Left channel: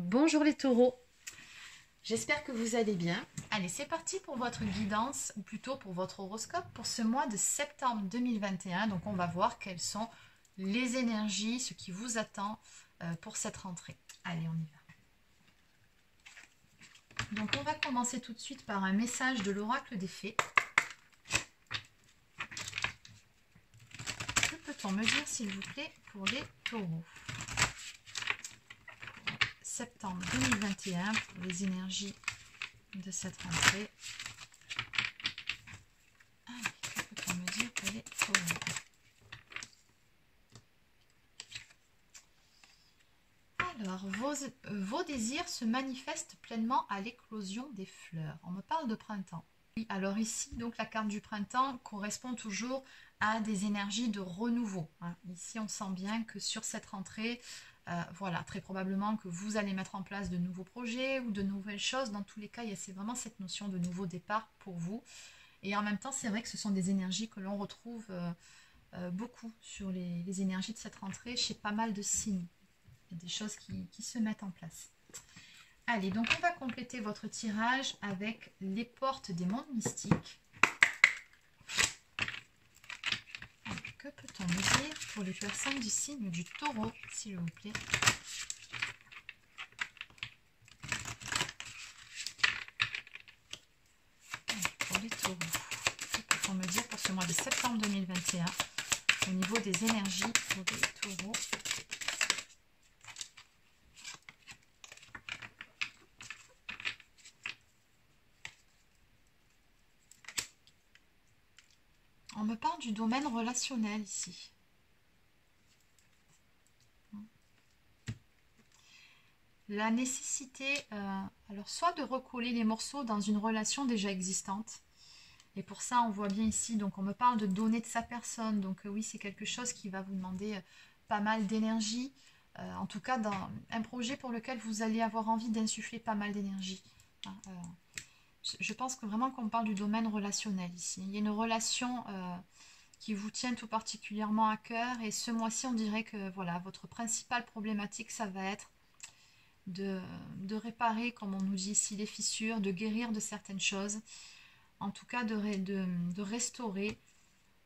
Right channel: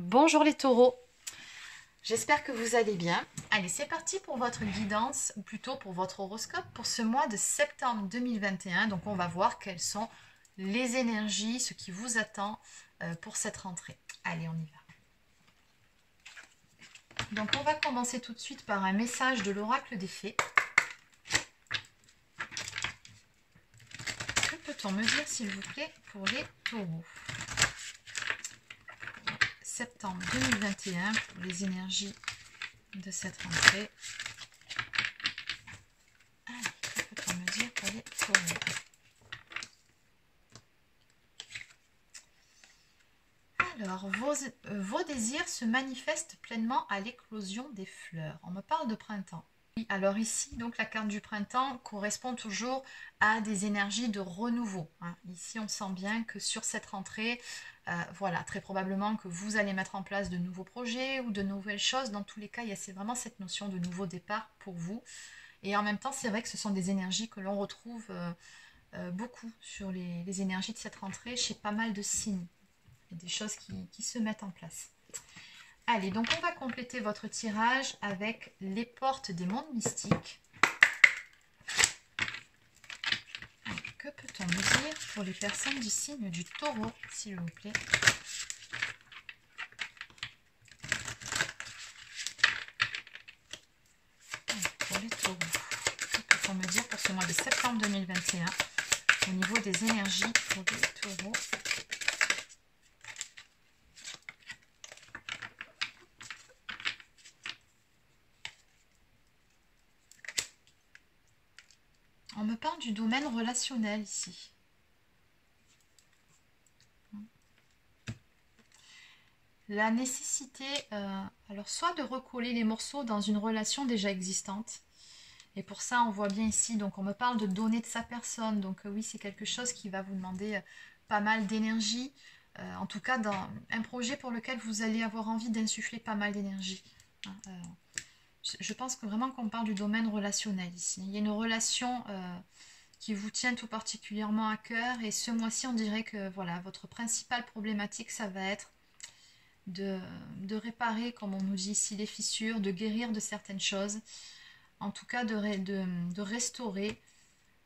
Bonjour les taureaux, j'espère que vous allez bien. Allez, c'est parti pour votre guidance, ou plutôt pour votre horoscope, pour ce mois de septembre 2021. Donc on va voir quelles sont les énergies, ce qui vous attend pour cette rentrée. Allez, on y va. Donc on va commencer tout de suite par un message de l'oracle des fées. Que peut-on me dire s'il vous plaît pour les taureaux ? Septembre 2021 pour les énergies de cette rentrée. Allez, que peut-on me dire pour les taureaux? Alors, vos désirs se manifestent pleinement à l'éclosion des fleurs. On me parle de printemps. Alors ici, donc la carte du printemps correspond toujours à des énergies de renouveau. Ici, on sent bien que sur cette rentrée, voilà, très probablement que vous allez mettre en place de nouveaux projets ou de nouvelles choses. Dans tous les cas, il y a vraiment cette notion de nouveau départ pour vous. Et en même temps, c'est vrai que ce sont des énergies que l'on retrouve beaucoup sur les énergies de cette rentrée chez pas mal de signes. Il y a des choses qui se mettent en place. Allez, donc on va compléter votre tirage avec les portes des mondes mystiques. Allez, que peut-on me dire pour les personnes du signe du taureau, s'il vous plaît? Allez, pour les taureaux, que peut-on me dire pour ce mois de septembre 2021 au niveau des énergies pour les taureaux? On me parle du domaine relationnel ici. La nécessité, alors soit de recoller les morceaux dans une relation déjà existante. Et pour ça, on voit bien ici, donc on me parle de donner de sa personne. Donc oui, c'est quelque chose qui va vous demander pas mal d'énergie. En tout cas, dans un projet pour lequel vous allez avoir envie d'insuffler pas mal d'énergie. Je pense que vraiment qu'on parle du domaine relationnel ici. Il y a une relation qui vous tient tout particulièrement à cœur. Et ce mois-ci, on dirait que voilà, votre principale problématique, ça va être de réparer, comme on nous dit ici, les fissures, de guérir de certaines choses. En tout cas, de restaurer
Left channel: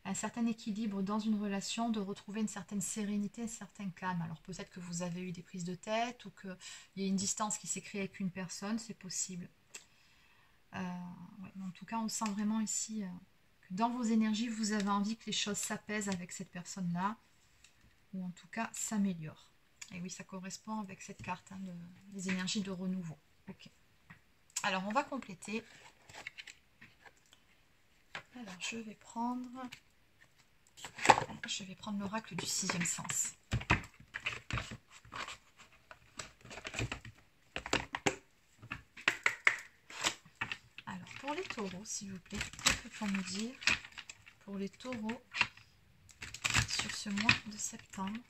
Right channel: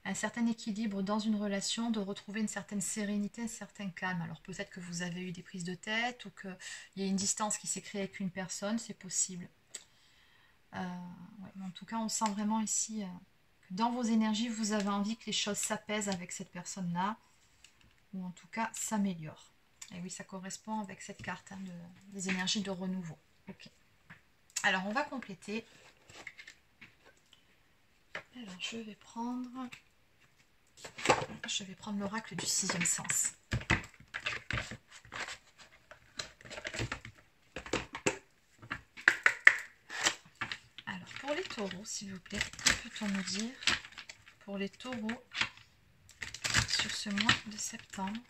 un certain équilibre dans une relation, de retrouver une certaine sérénité, un certain calme. Alors peut-être que vous avez eu des prises de tête ou qu'il y a une distance qui s'est créée avec une personne, c'est possible. Ouais, en tout cas, on sent vraiment ici que dans vos énergies, vous avez envie que les choses s'apaisent avec cette personne-là, ou en tout cas s'améliorent. Et oui, ça correspond avec cette carte des énergies de renouveau. Ok. Alors, on va compléter. Alors, je vais prendre l'oracle du sixième sens. Alors, pour les taureaux, s'il vous plaît, que peut-on me dire pour les taureaux sur ce mois de septembre?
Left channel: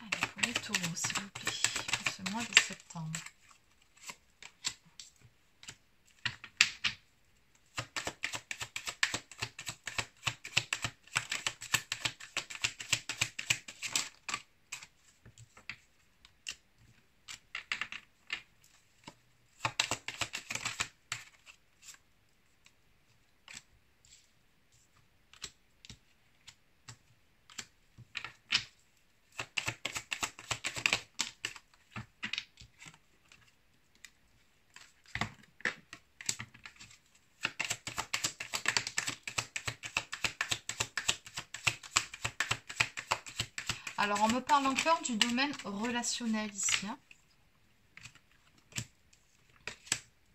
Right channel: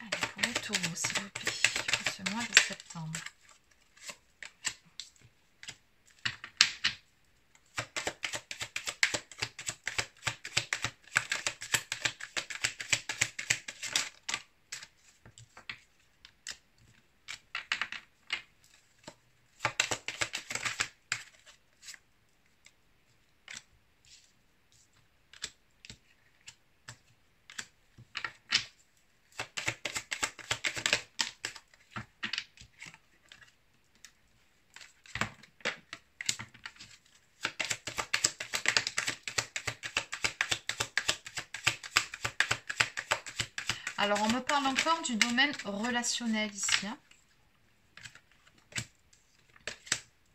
Allez, pour les taureaux, s'il vous plaît, pour ce mois de septembre. Alors, on me parle encore du domaine relationnel ici.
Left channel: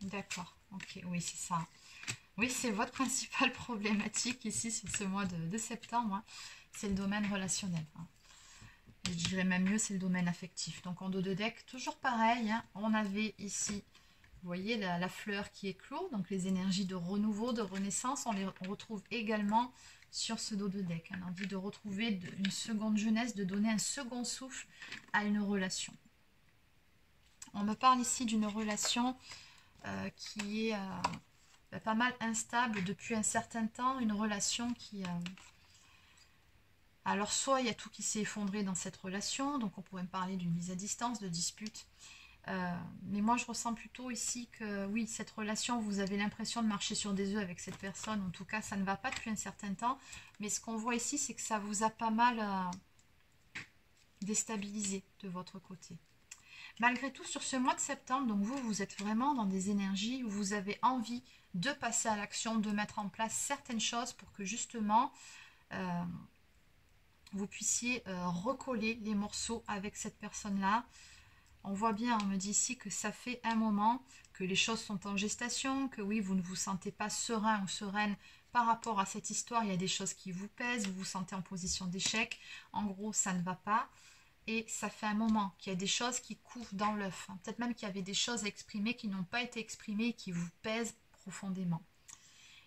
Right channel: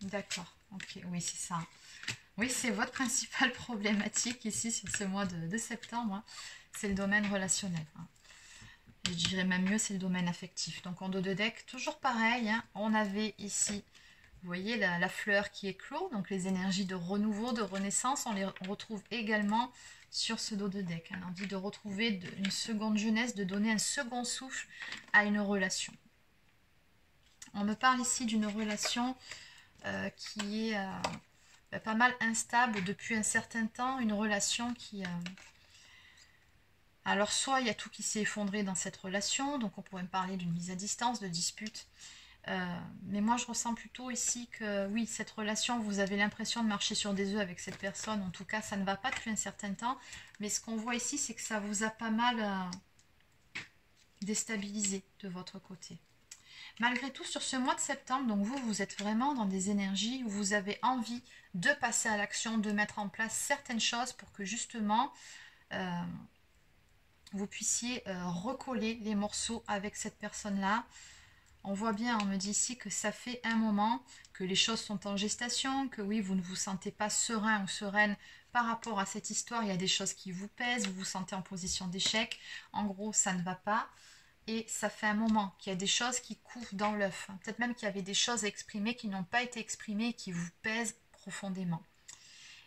D'accord, ok, oui, c'est ça. Oui, c'est votre principale problématique ici sur ce mois de septembre. C'est le domaine relationnel. Je dirais même mieux, c'est le domaine affectif. Donc, en dos de deck, toujours pareil. On avait ici, vous voyez, la fleur qui éclot. Donc, les énergies de renouveau, de renaissance, on les retrouve également sur ce dos de deck. L'envie de retrouver une seconde jeunesse, de donner un second souffle à une relation. On me parle ici d'une relation qui est pas mal instable depuis un certain temps, une relation qui... Alors soit il y a tout qui s'est effondré dans cette relation, donc on pourrait me parler d'une mise à distance, de dispute. Mais moi je ressens plutôt ici que oui, cette relation, vous avez l'impression de marcher sur des œufs avec cette personne, en tout cas ça ne va pas depuis un certain temps, mais ce qu'on voit ici c'est que ça vous a pas mal déstabilisé de votre côté. Malgré tout, sur ce mois de septembre, donc vous êtes vraiment dans des énergies où vous avez envie de passer à l'action, de mettre en place certaines choses pour que justement vous puissiez recoller les morceaux avec cette personne-là. On voit bien, on me dit ici que ça fait un moment que les choses sont en gestation, que oui, vous ne vous sentez pas serein ou sereine par rapport à cette histoire. Il y a des choses qui vous pèsent, vous vous sentez en position d'échec. En gros, ça ne va pas. Et ça fait un moment qu'il y a des choses qui couvent dans l'œuf. Peut-être même qu'il y avait des choses à exprimer qui n'ont pas été exprimées et qui vous pèsent profondément.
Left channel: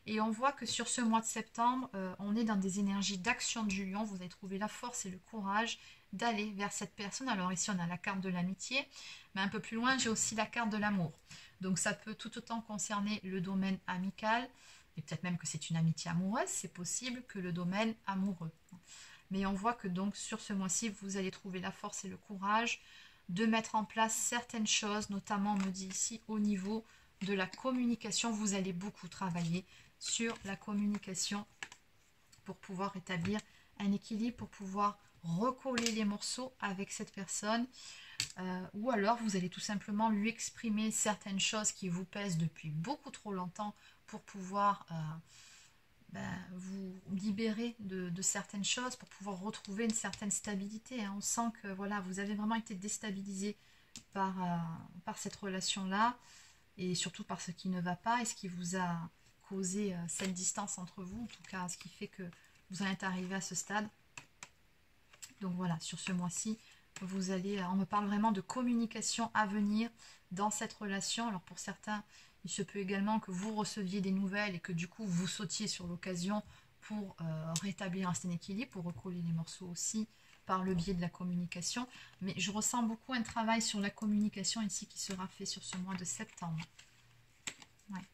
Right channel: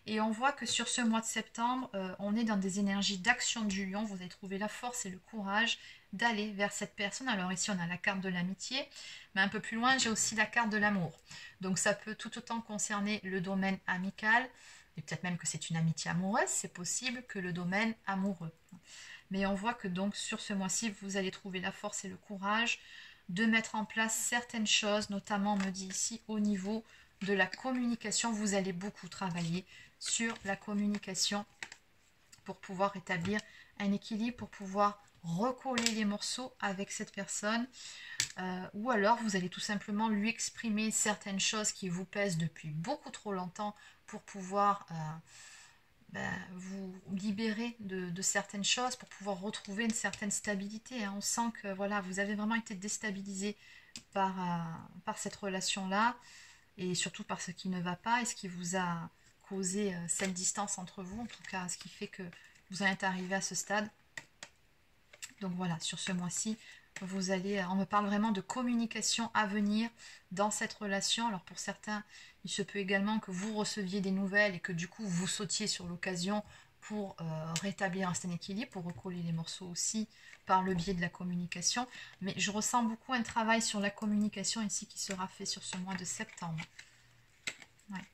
Et on voit que sur ce mois de septembre, on est dans des énergies d'action du lion. Vous allez trouver la force et le courage d'aller vers cette personne. Alors ici, on a la carte de l'amitié, mais un peu plus loin, j'ai aussi la carte de l'amour. Donc ça peut tout autant concerner le domaine amical, et peut-être même que c'est une amitié amoureuse, c'est possible que le domaine amoureux. Mais on voit que donc sur ce mois-ci, vous allez trouver la force et le courage de mettre en place certaines choses, notamment, on me dit ici, au niveau de la communication. Vous allez beaucoup travailler sur la communication pour pouvoir établir un équilibre, pour pouvoir recoller les morceaux avec cette personne. Ou alors, vous allez tout simplement lui exprimer certaines choses qui vous pèsent depuis beaucoup trop longtemps pour pouvoir... vous libérer de certaines choses pour pouvoir retrouver une certaine stabilité. On sent que voilà, vous avez vraiment été déstabilisé par cette relation-là et surtout par ce qui ne va pas et ce qui vous a causé cette distance entre vous, en tout cas ce qui fait que vous en êtes arrivé à ce stade. Donc voilà, sur ce mois-ci, vous allez, on me parle vraiment de communication à venir dans cette relation. Alors pour certains, il se peut également que vous receviez des nouvelles et que du coup vous sautiez sur l'occasion pour rétablir un certain équilibre, pour recoller les morceaux aussi par le biais de la communication. Mais je ressens beaucoup un travail sur la communication ici qui sera fait sur ce mois de septembre. Ouais.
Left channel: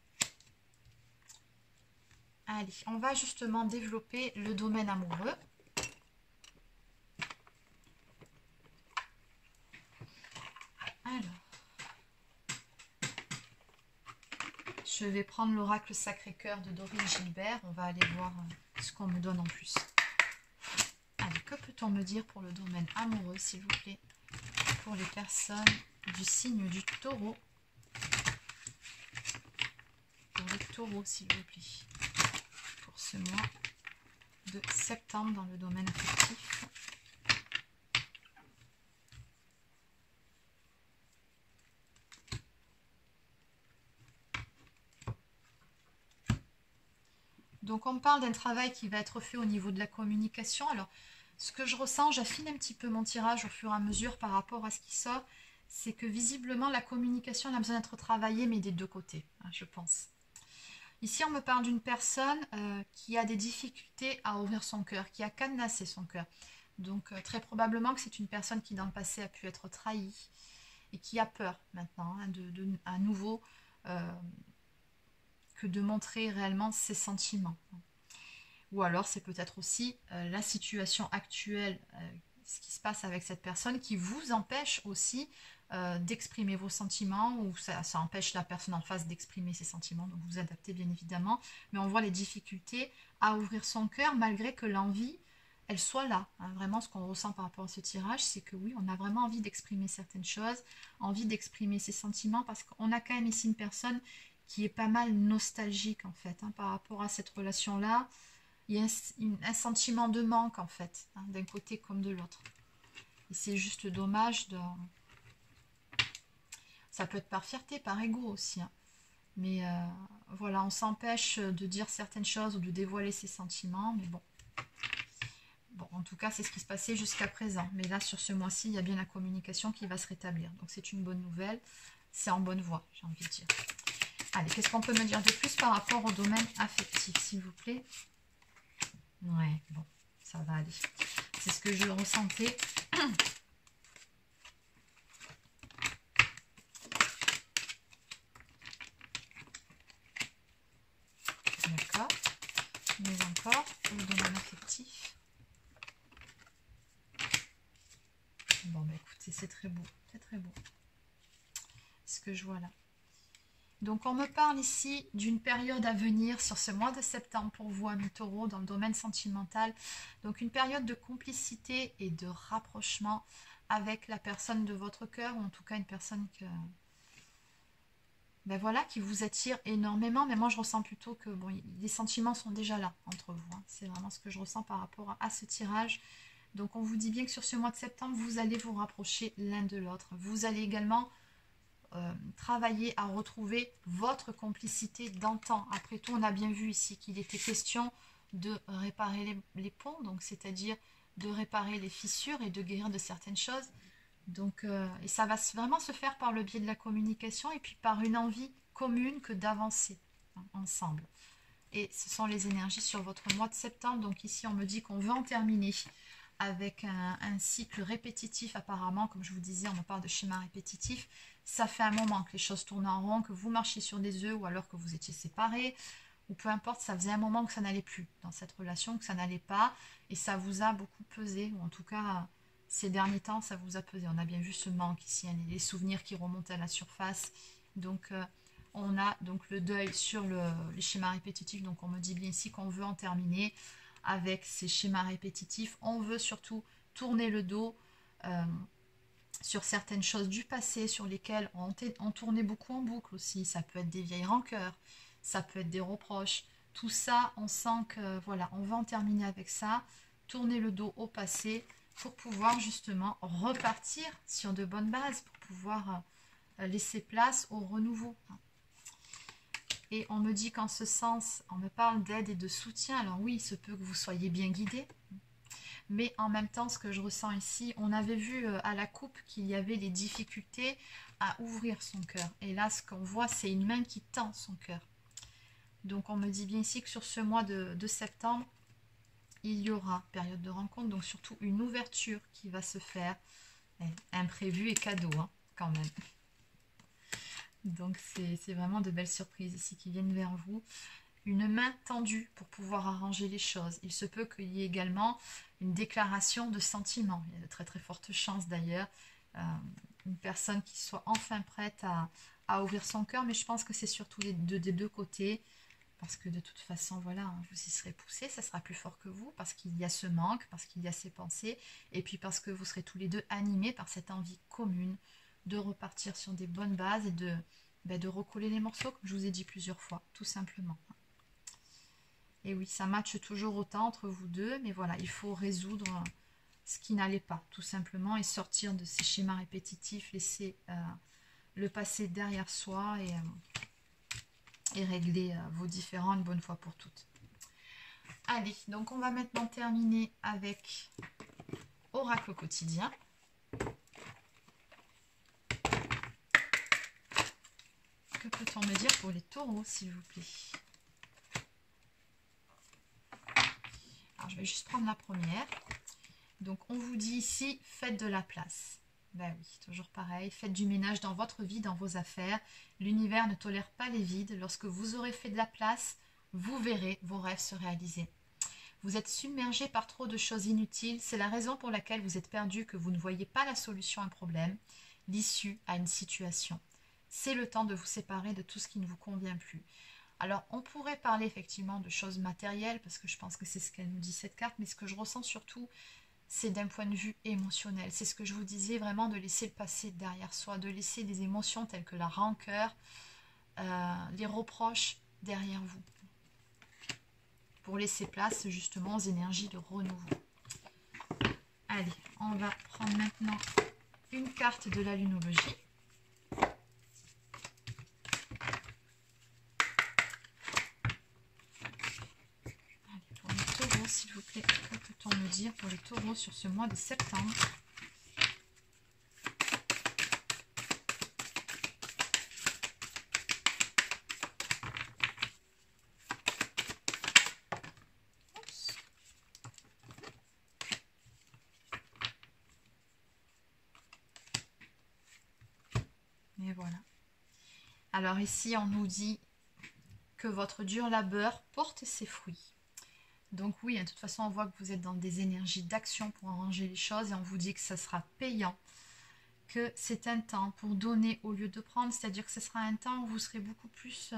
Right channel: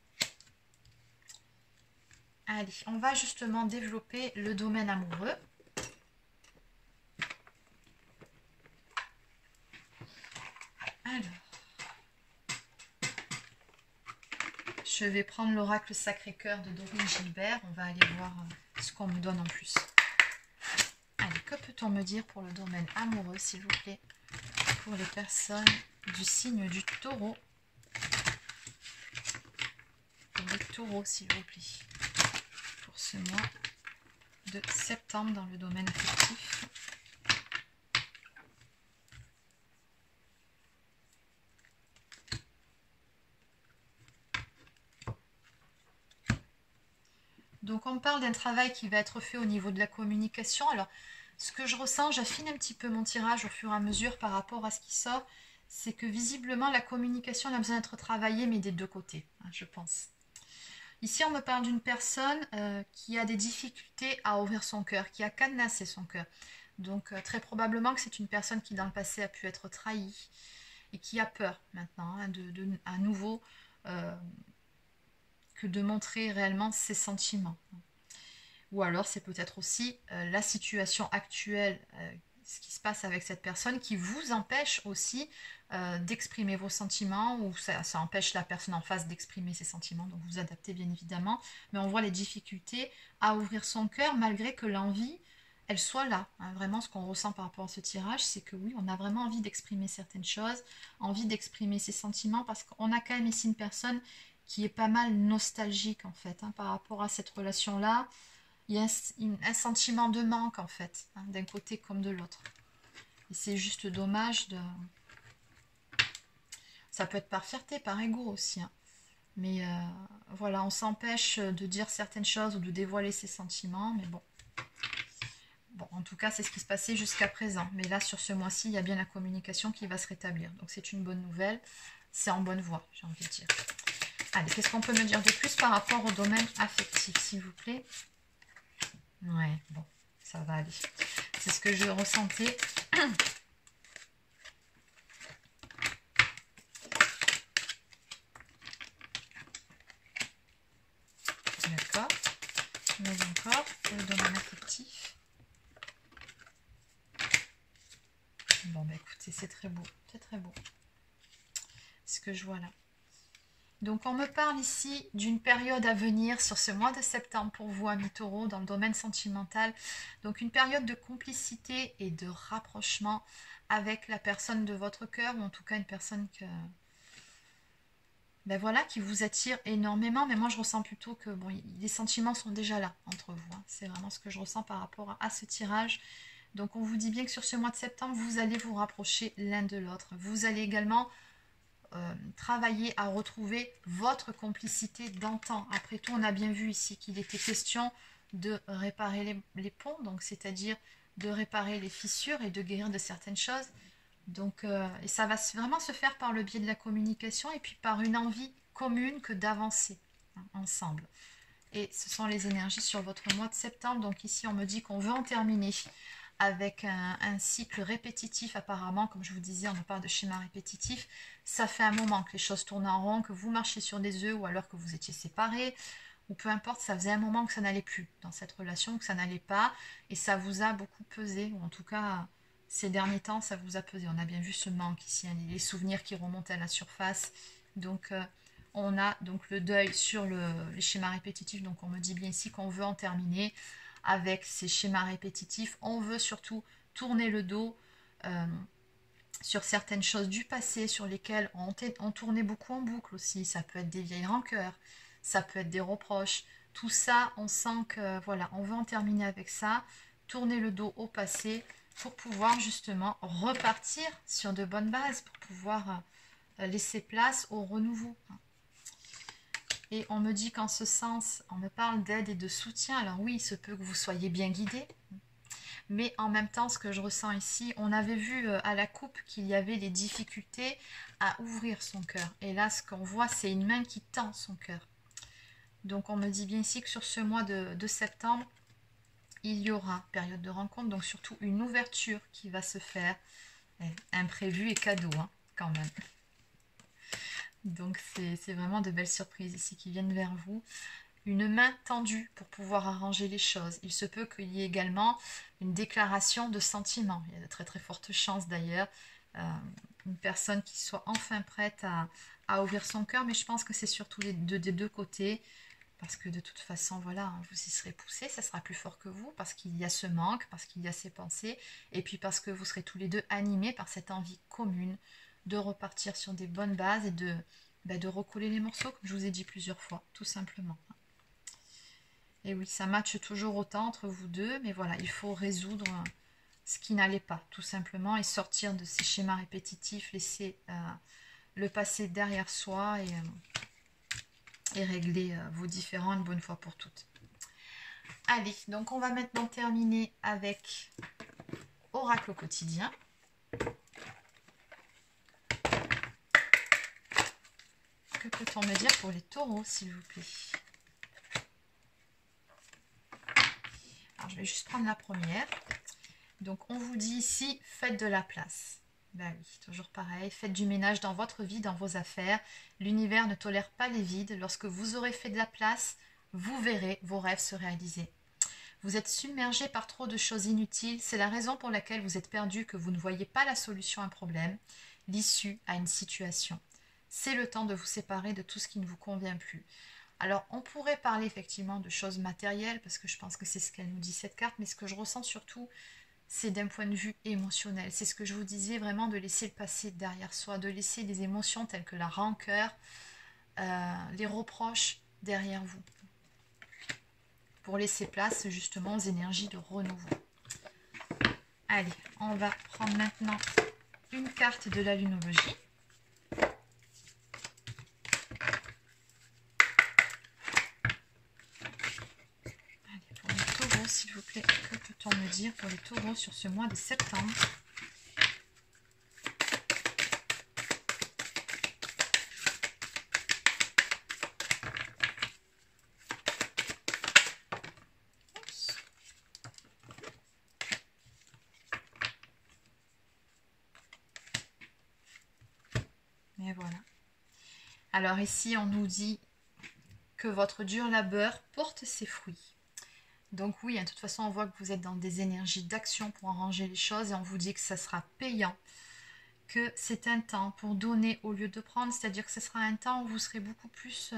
Allez, on va justement développer le domaine amoureux. Alors, je vais prendre l'oracle Sacré-Cœur de Dorine Gilbert. On va aller voir ce qu'on me donne en plus. Allez, que peut-on me dire pour le domaine amoureux, s'il vous plaît, pour les personnes du signe du taureau? Pour les taureaux, s'il vous plaît, pour ce mois de septembre dans le domaine affectif. Donc on me parle d'un travail qui va être fait au niveau de la communication. Alors ce que je ressens, j'affine un petit peu mon tirage au fur et à mesure par rapport à ce qui sort, c'est que visiblement la communication elle a besoin d'être travaillée mais des deux côtés, hein, je pense. Ici on me parle d'une personne qui a des difficultés à ouvrir son cœur, qui a cadenassé son cœur. Donc très probablement que c'est une personne qui dans le passé a pu être trahie et qui a peur maintenant hein, à nouveau que de montrer réellement ses sentiments. Ou alors c'est peut-être aussi la situation actuelle, ce qui se passe avec cette personne qui vous empêche aussi d'exprimer vos sentiments ou ça empêche la personne en face d'exprimer ses sentiments, donc vous adaptez bien évidemment, mais on voit les difficultés à ouvrir son cœur malgré que l'envie, elle soit là. Hein. Vraiment ce qu'on ressent par rapport à ce tirage, c'est que oui, on a vraiment envie d'exprimer certaines choses, envie d'exprimer ses sentiments parce qu'on a quand même ici une personne qui est pas mal nostalgique en fait, hein, par rapport à cette relation-là. Il y a un sentiment de manque en fait, hein, d'un côté comme de l'autre. Et c'est juste dommage de... Ça peut être par fierté, par ego aussi. Hein. Mais voilà, on s'empêche de dire certaines choses ou de dévoiler ses sentiments, mais bon. Bon, en tout cas, c'est ce qui se passait jusqu'à présent. Mais là, sur ce mois-ci, il y a bien la communication qui va se rétablir. Donc c'est une bonne nouvelle. C'est en bonne voie, j'ai envie de dire. Allez, qu'est-ce qu'on peut me dire de plus par rapport au domaine affectif, s'il vous plaît? Ouais, bon, ça va aller. C'est ce que je ressentais. D'accord. Mais encore, le domaine affectif. Bon, bah écoutez, c'est très beau. C'est très beau. Ce que je vois là. Donc, on me parle ici d'une période à venir sur ce mois de septembre pour vous, amis taureaux, dans le domaine sentimental. Donc, une période de complicité et de rapprochement avec la personne de votre cœur, ou en tout cas une personne que... Ben voilà, qui vous attire énormément, mais moi je ressens plutôt que bon, les sentiments sont déjà là entre vous. Hein. C'est vraiment ce que je ressens par rapport à ce tirage. Donc on vous dit bien que sur ce mois de septembre, vous allez vous rapprocher l'un de l'autre. Vous allez également travailler à retrouver votre complicité d'antan. Après tout, on a bien vu ici qu'il était question de réparer les ponts, donc c'est-à-dire de réparer les fissures et de guérir de certaines choses. Donc, et ça va vraiment se faire par le biais de la communication et puis par une envie commune que d'avancer hein, ensemble. Et ce sont les énergies sur votre mois de septembre. Donc ici, on me dit qu'on veut en terminer avec un cycle répétitif apparemment. Comme je vous disais, on me parle de schéma répétitif. Ça fait un moment que les choses tournent en rond, que vous marchez sur des œufs ou alors que vous étiez séparés. Ou peu importe, ça faisait un moment que ça n'allait plus dans cette relation, que ça n'allait pas. Et ça vous a beaucoup pesé, ou en tout cas... Ces derniers temps, ça vous a pesé. On a bien vu ce manque ici, hein, les souvenirs qui remontent à la surface. Donc, on a donc le deuil sur les schémas répétitifs. Donc, on me dit bien ici qu'on veut en terminer avec ces schémas répétitifs. On veut surtout tourner le dos sur certaines choses du passé sur lesquelles on tournait beaucoup en boucle aussi. Ça peut être des vieilles rancœurs, ça peut être des reproches. Tout ça, on sent que, voilà, on veut en terminer avec ça. Tourner le dos au passé pour pouvoir justement repartir sur de bonnes bases, pour pouvoir laisser place au renouveau. Et on me dit qu'en ce sens, on me parle d'aide et de soutien. Alors oui, il se peut que vous soyez bien guidé, mais en même temps, ce que je ressens ici, on avait vu à la coupe qu'il y avait des difficultés à ouvrir son cœur. Et là, ce qu'on voit, c'est une main qui tend son cœur. Donc on me dit bien ici que sur ce mois de septembre, il y aura période de rencontre, donc surtout une ouverture qui va se faire, imprévu et cadeau hein, quand même. Donc c'est vraiment de belles surprises ici qui viennent vers vous. Une main tendue pour pouvoir arranger les choses. Il se peut qu'il y ait également une déclaration de sentiments. Il y a de très très fortes chances d'ailleurs. Une personne qui soit enfin prête à ouvrir son cœur, mais je pense que c'est surtout des deux côtés. Parce que de toute façon, voilà, vous y serez poussé, ça sera plus fort que vous, parce qu'il y a ce manque, parce qu'il y a ces pensées, et puis parce que vous serez tous les deux animés par cette envie commune de repartir sur des bonnes bases et de recoller les morceaux, comme je vous ai dit plusieurs fois, tout simplement. Et oui, ça matche toujours autant entre vous deux, mais voilà, il faut résoudre ce qui n'allait pas, tout simplement, et sortir de ces schémas répétitifs, laisser le passé derrière soi et régler vos différends une bonne fois pour toutes. Allez, donc on va maintenant terminer avec Oracle au quotidien. Que peut-on me dire pour les taureaux, s'il vous plaît? Alors, je vais juste prendre la première. Donc, on vous dit ici, faites de la place. Ben oui, toujours pareil. Faites du ménage dans votre vie, dans vos affaires. L'univers ne tolère pas les vides. Lorsque vous aurez fait de la place, vous verrez vos rêves se réaliser. Vous êtes submergé par trop de choses inutiles. C'est la raison pour laquelle vous êtes perdu, que vous ne voyez pas la solution à un problème, l'issue à une situation. C'est le temps de vous séparer de tout ce qui ne vous convient plus. Alors, on pourrait parler effectivement de choses matérielles, parce que je pense que c'est ce qu'elle nous dit cette carte, mais ce que je ressens surtout, c'est d'un point de vue émotionnel. C'est ce que je vous disais, vraiment de laisser le passé derrière soi, de laisser des émotions telles que la rancœur, les reproches derrière vous, pour laisser place justement aux énergies de renouveau. Allez, on va prendre maintenant une carte de la lunologie. S'il vous plaît, que peut-on me dire pour les taureaux sur ce mois de septembre? Oups. Et voilà. Alors ici, on nous dit que votre dur labeur porte ses fruits. Donc oui, de toute façon, on voit que vous êtes dans des énergies d'action pour arranger les choses et on vous dit que ça sera payant, que c'est un temps pour donner au lieu de prendre, c'est-à-dire que ce sera un temps où vous serez beaucoup plus,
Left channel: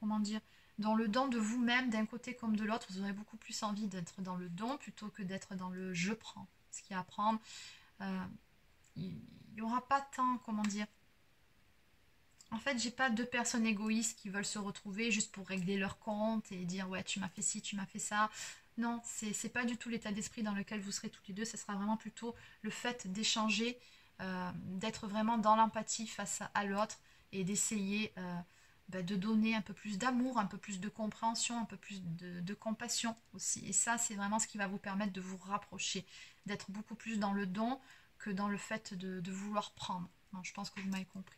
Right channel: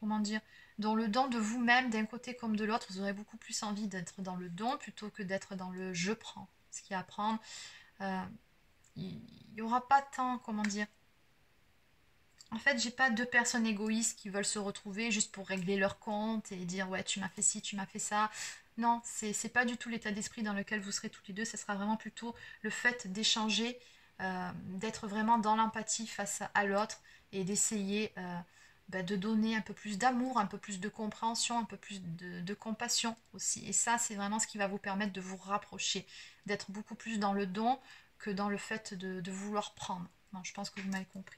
comment dire, dans le don de vous-même, d'un côté comme de l'autre. Vous aurez beaucoup plus envie d'être dans le don plutôt que d'être dans le je prends. Ce qu'il y a à prendre, il n'y aura pas tant, comment dire. En fait, j'ai pas deux personnes égoïstes qui veulent se retrouver juste pour régler leur compte et dire ouais, tu m'as fait ci, tu m'as fait ça. Non, c'est pas du tout l'état d'esprit dans lequel vous serez toutes les deux. Ce sera vraiment plutôt le fait d'échanger, d'être vraiment dans l'empathie face à l'autre et d'essayer de donner un peu plus d'amour, un peu plus de compréhension, un peu plus de compassion aussi. Et ça, c'est vraiment ce qui va vous permettre de vous rapprocher, d'être beaucoup plus dans le don que dans le fait de vouloir prendre. Bon, je pense que vous m'avez compris.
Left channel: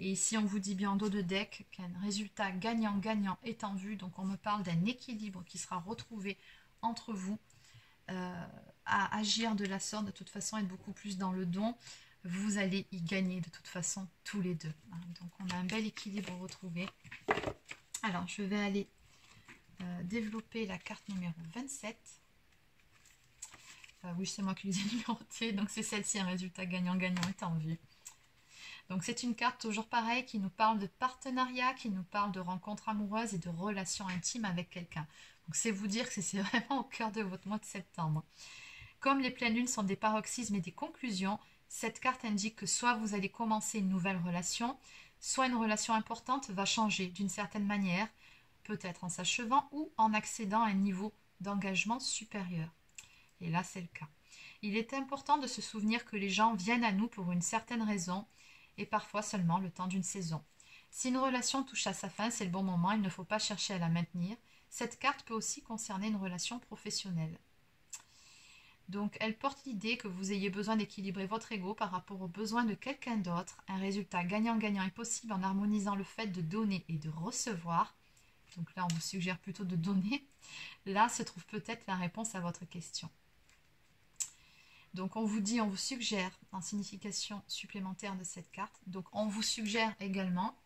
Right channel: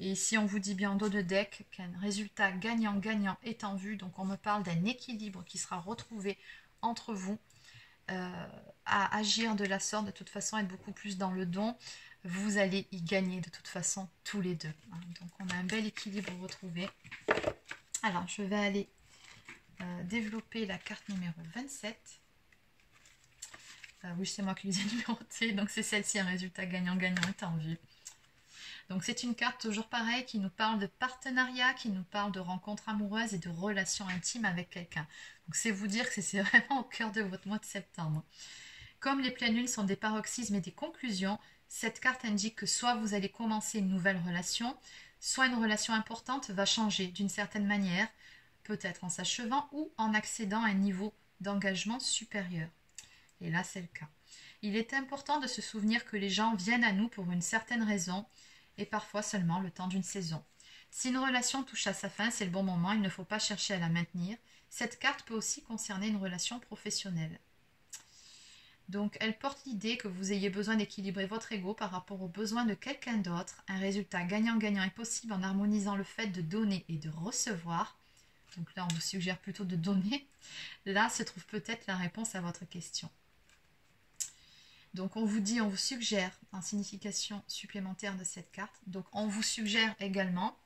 Et ici, on vous dit bien en dos de deck qu'un résultat gagnant-gagnant est en vue. Donc, on me parle d'un équilibre qui sera retrouvé entre vous. À agir de la sorte, de toute façon, être beaucoup plus dans le don. Vous allez y gagner de toute façon tous les deux. Donc, on a un bel équilibre retrouvé. Alors, je vais aller développer la carte numéro 27. Oui, c'est moi qui les ai numérotées. Donc, c'est celle-ci, un résultat gagnant-gagnant est en vue. Donc c'est une carte toujours pareille qui nous parle de partenariat, qui nous parle de rencontres amoureuses et de relations intimes avec quelqu'un. Donc c'est vous dire que c'est vraiment au cœur de votre mois de septembre. Comme les pleines lunes sont des paroxysmes et des conclusions, cette carte indique que soit vous allez commencer une nouvelle relation, soit une relation importante va changer d'une certaine manière, peut-être en s'achevant ou en accédant à un niveau d'engagement supérieur. Et là c'est le cas. Il est important de se souvenir que les gens viennent à nous pour une certaine raison, et parfois seulement le temps d'une saison. Si une relation touche à sa fin, c'est le bon moment, il ne faut pas chercher à la maintenir. Cette carte peut aussi concerner une relation professionnelle. Donc elle porte l'idée que vous ayez besoin d'équilibrer votre ego par rapport aux besoins de quelqu'un d'autre. Un résultat gagnant-gagnant est possible en harmonisant le fait de donner et de recevoir. Donc là, on vous suggère plutôt de donner. Là se trouve peut-être la réponse à votre question. Donc on vous suggère en signification supplémentaire de cette carte. Donc on vous suggère également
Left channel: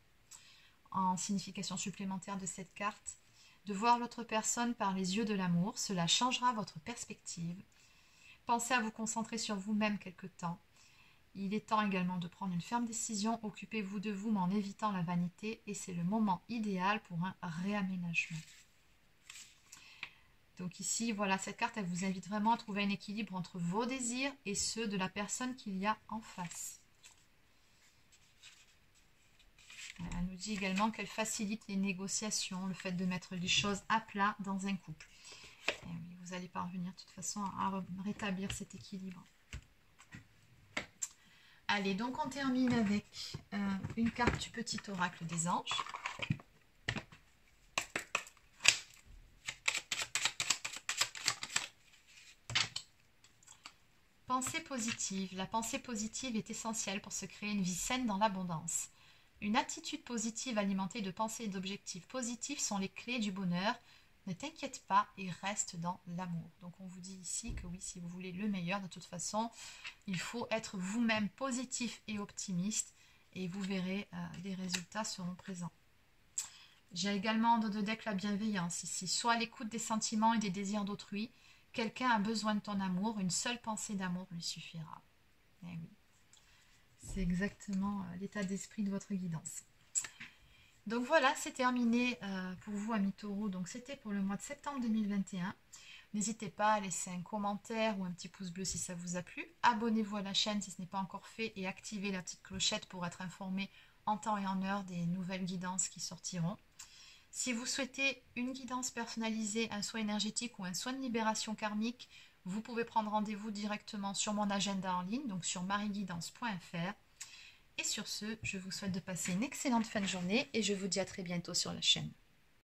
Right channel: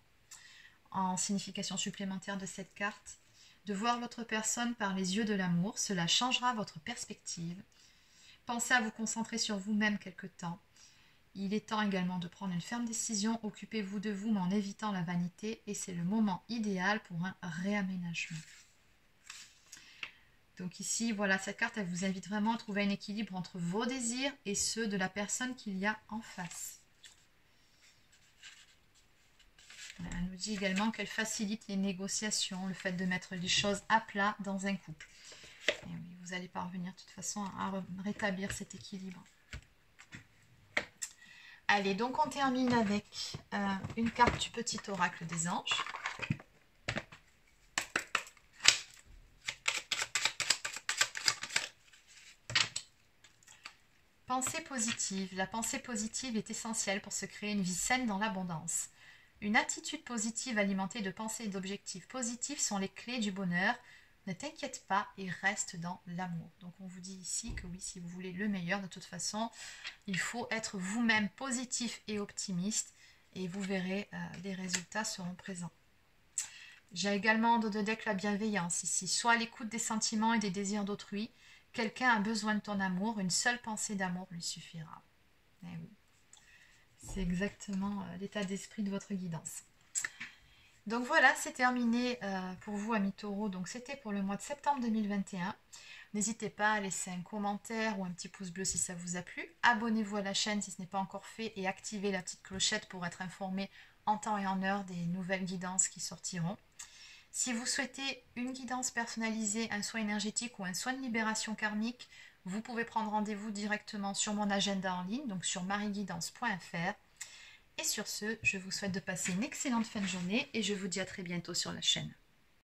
en signification supplémentaire de cette carte de voir l'autre personne par les yeux de l'amour. Cela changera votre perspective. Pensez à vous concentrer sur vous-même quelque temps. Il est temps également de prendre une ferme décision. Occupez-vous de vous mais en évitant la vanité et c'est le moment idéal pour un réaménagement. Donc ici, voilà, cette carte, elle vous invite vraiment à trouver un équilibre entre vos désirs et ceux de la personne qu'il y a en face. Elle nous dit également qu'elle facilite les négociations, le fait de mettre les choses à plat dans un couple. Et oui, vous allez parvenir de toute façon à rétablir cet équilibre. Allez, donc on termine avec une carte du petit oracle des anges. Pensée positive. La pensée positive est essentielle pour se créer une vie saine dans l'abondance. Une attitude positive alimentée de pensées et d'objectifs positifs sont les clés du bonheur. Ne t'inquiète pas et reste dans l'amour. Donc on vous dit ici que oui, si vous voulez le meilleur, de toute façon, il faut être vous-même positif et optimiste et vous verrez, les résultats seront présents. J'ai également en dos de deck la bienveillance ici. Sois à l'écoute des sentiments et des désirs d'autrui. Quelqu'un a besoin de ton amour, une seule pensée d'amour lui suffira. Eh oui, c'est exactement l'état d'esprit de votre guidance. Donc voilà, c'est terminé pour vous, amis taureaux. Donc c'était pour le mois de septembre 2021. N'hésitez pas à laisser un commentaire ou un petit pouce bleu si ça vous a plu. Abonnez-vous à la chaîne si ce n'est pas encore fait et activez la petite clochette pour être informé en temps et en heure des nouvelles guidances qui sortiront. Si vous souhaitez une guidance personnalisée, un soin énergétique ou un soin de libération karmique, vous pouvez prendre rendez-vous directement sur mon agenda en ligne, donc sur marieguidance.fr. Et sur ce, je vous souhaite de passer une excellente fin de journée et je vous dis à très bientôt sur la chaîne.